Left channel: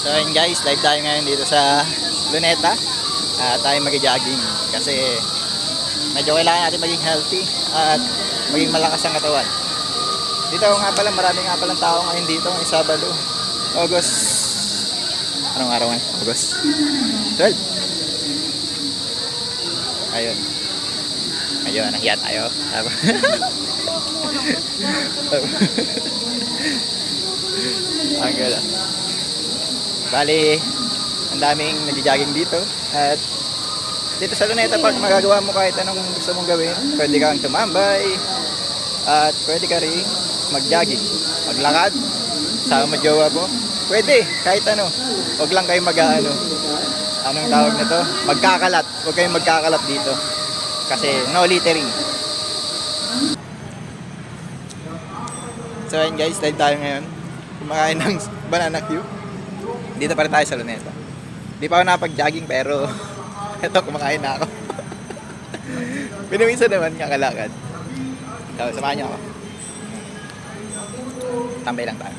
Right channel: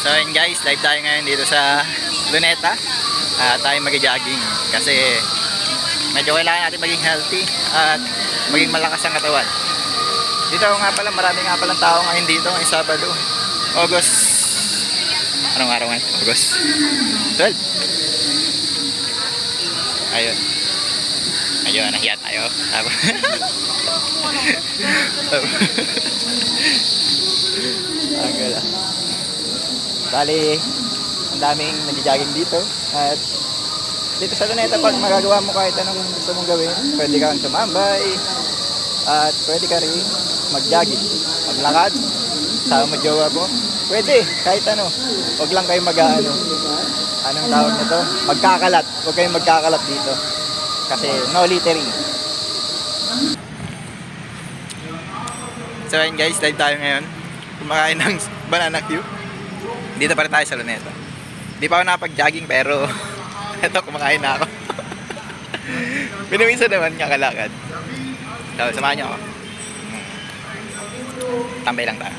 So ayun guys, live tayo ngayon dito sa Luneta. Tayo mag-jogging kasi medyo kailangan natin maging healthy at maging malakas ang katawan. Dito nga pala, marami nga palang tao ngayon dito ngayong Sabado, August. Anong araw ngayon? August 12. Ayun. Ayun, nahiya tayo. Ang gala. Bali, ang daming nag-jogging dito. At dito sa Luneta, pag magagawa mo kahit anong gusto mong gawin, pwede kang tumambay at pwede ka rin mag-jogging, maglakad, sama jowa mo. Pwede, kahit ano. Huwag lang kayo anong tawag na to? Magkakalat. Huwag kayong magkakalat dito. Kasi no littering. So ayun guys, live tayo ngayon. Kumakain ng banana Q. Dito pa rin tayo sa Luneta. Di pa ako nakapag-jogging pero eto, kumakain na ako. Pinumisa naman kakalakad. So, samahan niyo ako. Tambay lang tayo.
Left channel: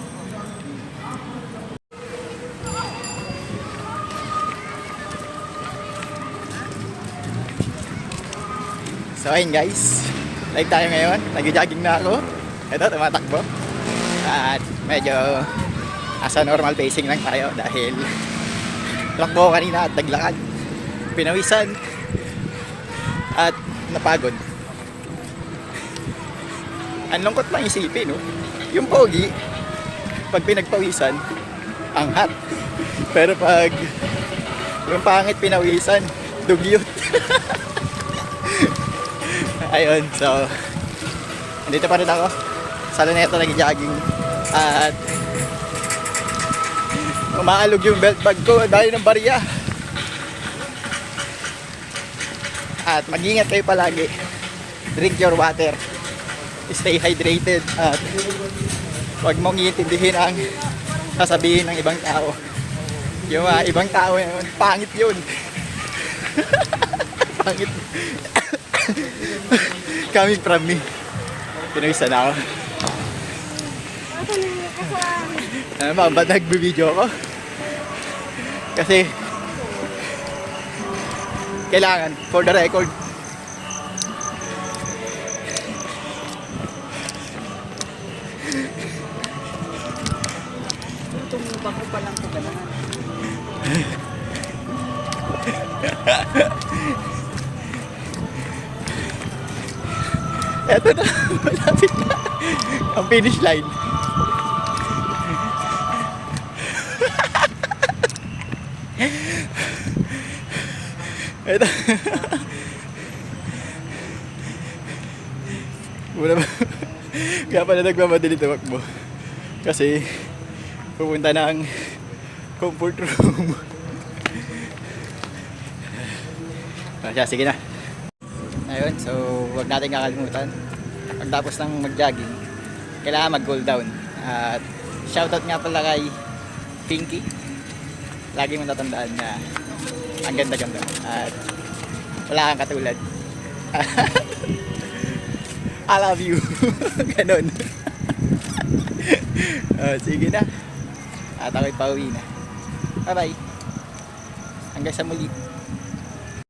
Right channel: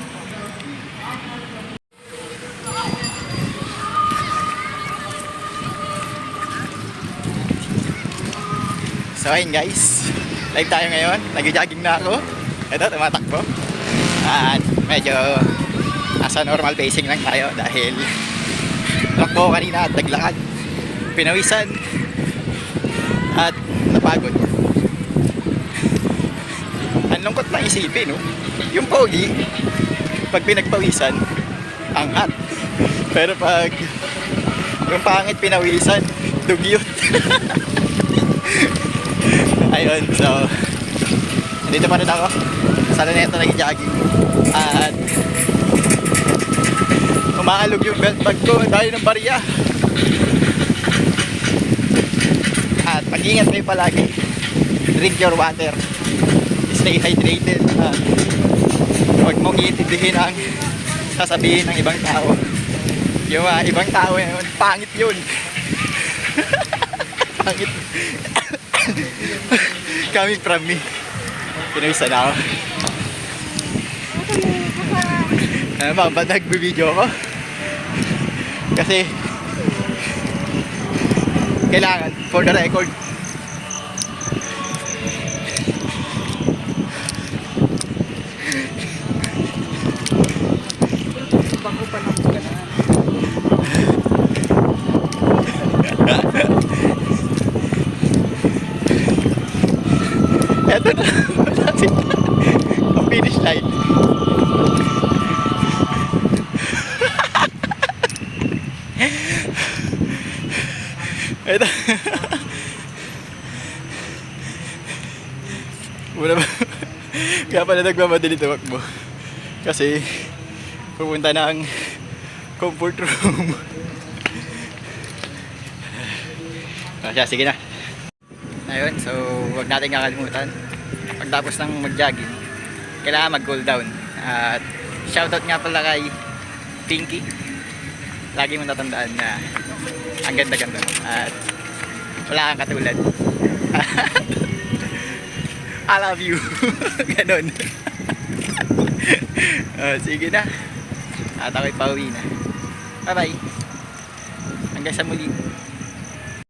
So ayun guys, live tayo ngayon. Nag-jogging na ako. Eto, tumatakbo. At medyo nasa normal pacing lang tayo dahil lakbo kanina at naglakad, pinawisan at napagod. Ang lungkot lang isipin, no? Yung pogi pag pinagpawisan angat, pero pag yung pangit pinawisan dugyot. Ayun, so andito pa rin ako sa Luneta nag-jogging at umaalog yung belt bag ko dahil ng barya. At mag-ingat kayo palagi. Drink your water. Stay hydrated. At huwag mong iintindihin ang sasabihin ng ibang tao. Yung ibang tao yun, pangit yun. Pangit. Coming from me. Pinawisa na ako. Ba't nag-video ko? Kasi kailangan for the record. Eto na, malapit na ang finish line. Ito. Muna ba? Kaya pala nagmamadali tumakbo. Kasi pupunta ng comfort room. Sige na. Ayun, so wag natin kakalimutan. Pagtapos ng mag-jogging, kailangan mag-cool down. At shoutout nga pala kay Pinky. Lagi mong tatandaan na ang ganda-ganda mo at wala kang katulad. I love you. Ganon. Sige na. At ako'y pauwi na. Bye bye. Hanggang sa muli.